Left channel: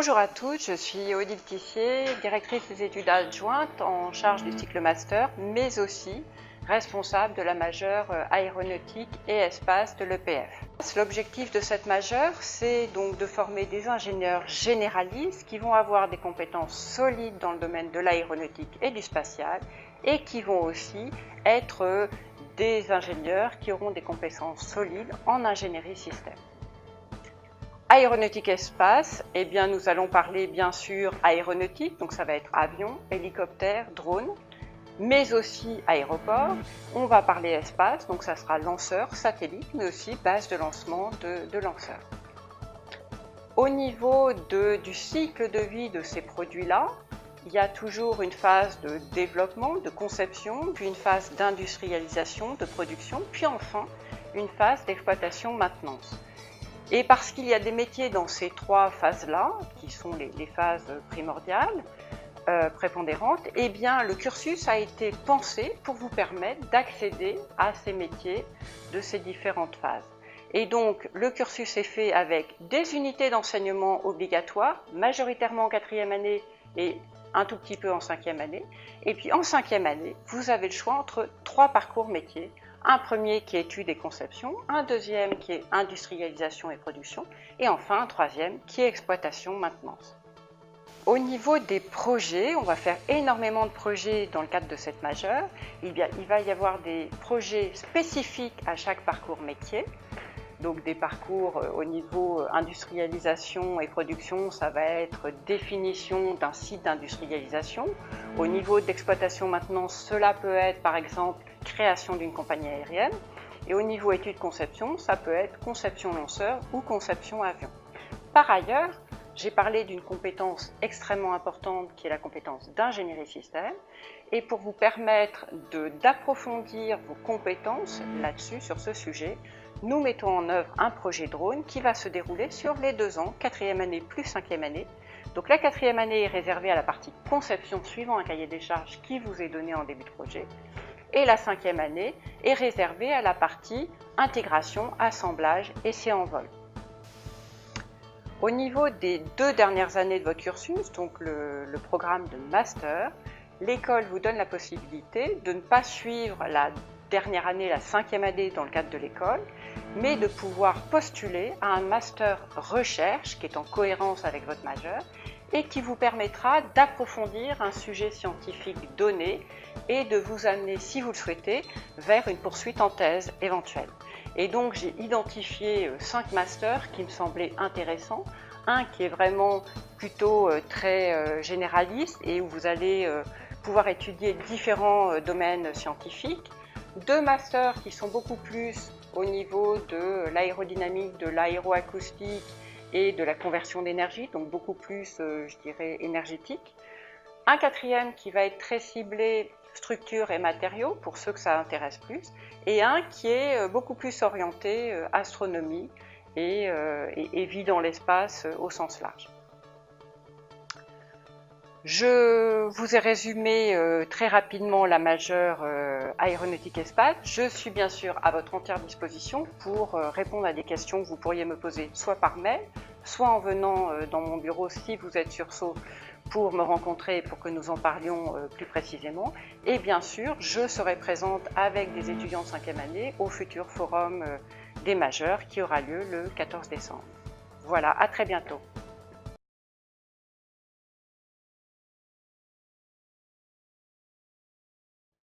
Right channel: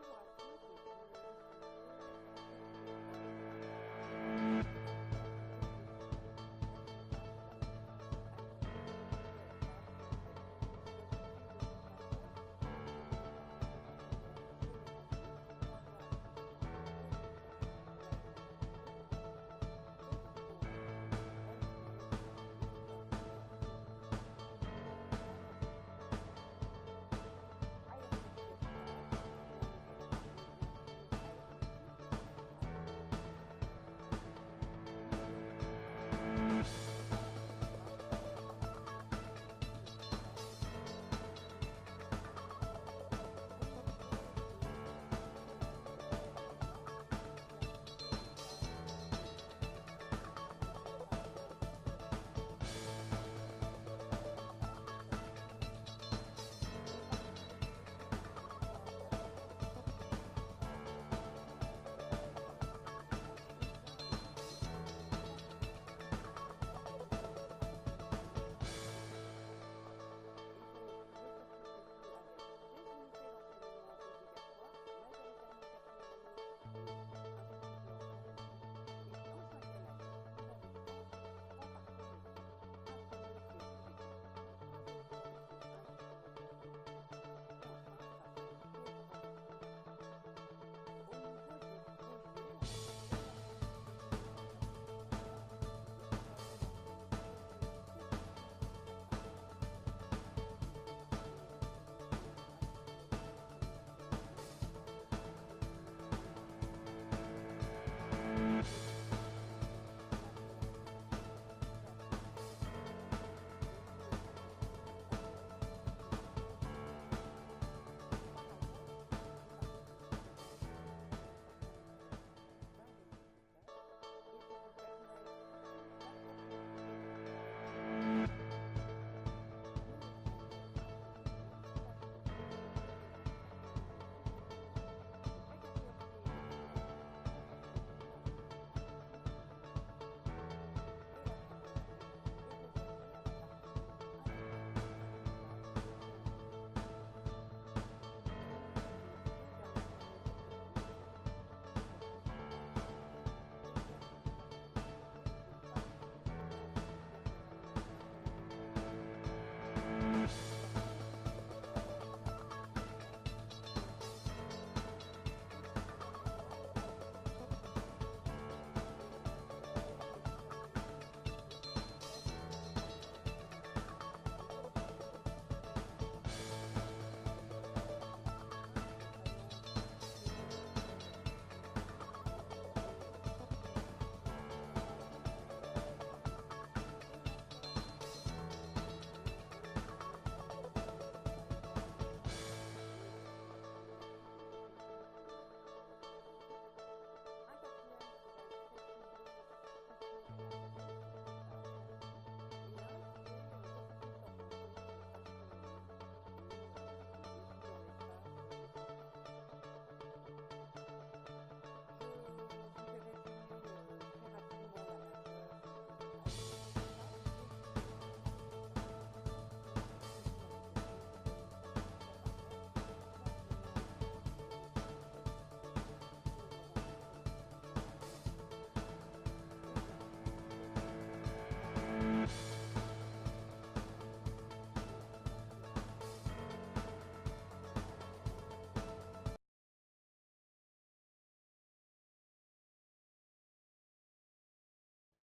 Bonjour à tous, je suis Odile Tissier, directrice des études adjointes en charge du cycle master, mais aussi responsable de la majeure aéronautique et espace de l'EPF. L'objectif de cette majeure, c'est donc de former des ingénieurs généralistes qui vont avoir des compétences solides dans le domaine de l'aéronautique et du spatial et qui vont aussi être des ingénieurs qui auront des compétences solides en ingénierie système. Aéronautique espace, eh bien nous allons parler bien sûr aéronautique, donc ça va être avion, hélicoptère, drone, mais aussi aéroport. On va parler espace, donc ça sera lanceur, satellite, mais aussi base de lancement de lanceurs. Au niveau du cycle de vie de ces produits-là, il y a toujours une phase de développement, de conception, puis une phase d'industrialisation, de production, puis enfin une phase d'exploitation maintenance. Et parce qu'il y a des métiers dans ces trois phases-là, qui sont les phases primordiales, prépondérantes, eh bien le cursus a été pensé pour vous permettre d'accéder à ces métiers de ces différentes phases. Et donc le cursus est fait avec des unités d'enseignement obligatoires, majoritairement en 4e année et un tout petit peu en 5e année. Et puis en 5e année, vous avez le choix entre 3 parcours métiers. Un premier qui est études et conception, un deuxième qui est industrialisation et production, et enfin un troisième qui est exploitation maintenance. Au niveau des projets, on va faire énormément de projets dans le cadre de cette majeure. Il va y avoir des projets spécifiques à chaque parcours métier. Donc des parcours au niveau industrialisation et production, ça va être définition d'un site d'industrialisation. Au niveau d'exploitation maintenance, cela peut être par exemple création d'une compagnie aérienne. Et au niveau études-conception, ça peut être conception lanceur ou conception avion. Par ailleurs, j'ai parlé d'une compétence extrêmement importante qui est la compétence d'ingénierie système. Et pour vous permettre d'approfondir vos compétences là-dessus, sur ce sujet, nous mettons en œuvre un projet drone qui va se dérouler sur les 2 ans, 4e année plus 5e année. Donc la 4e année est réservée à la partie conception suivant un cahier des charges qui vous est donné en début de projet. Et la 5e année est réservée à la partie intégration, assemblage, essai en vol. Au niveau des 2 dernières années de votre cursus, donc le programme de master, l'école vous donne la possibilité de ne pas suivre la dernière année, la 5e année dans le cadre de l'école, mais de pouvoir postuler à un master recherche qui est en cohérence avec votre majeur et qui vous permettra d'approfondir un sujet scientifique donné et de vous amener, si vous le souhaitez, vers une poursuite en thèse éventuelle. Et donc j'ai identifié 5 masters qui me semblaient intéressants. Un qui est vraiment plutôt très généraliste et où vous allez pouvoir étudier différents domaines scientifiques. 2 masters qui sont beaucoup plus au niveau de l'aérodynamique, de l'aéroacoustique et de la conversion d'énergie, donc beaucoup plus, je dirais, énergétique. Un 4e qui va être très ciblé structure et matériaux, pour ceux que ça intéresse plus, et un qui est beaucoup plus orienté astronomie et vie dans l'espace au sens large. Je vous ai résumé très rapidement la majeure aéronautique espace. Je suis bien sûr à votre entière disposition pour répondre à des questions que vous pourriez me poser soit par mail, soit en venant dans mon bureau si vous êtes sur Sceaux pour me rencontrer et pour que nous en parlions plus précisément. Et bien sûr, je serai présente avec des étudiants de 5e année au futur forum des majeurs qui aura lieu le 14 décembre. Voilà, à très bientôt.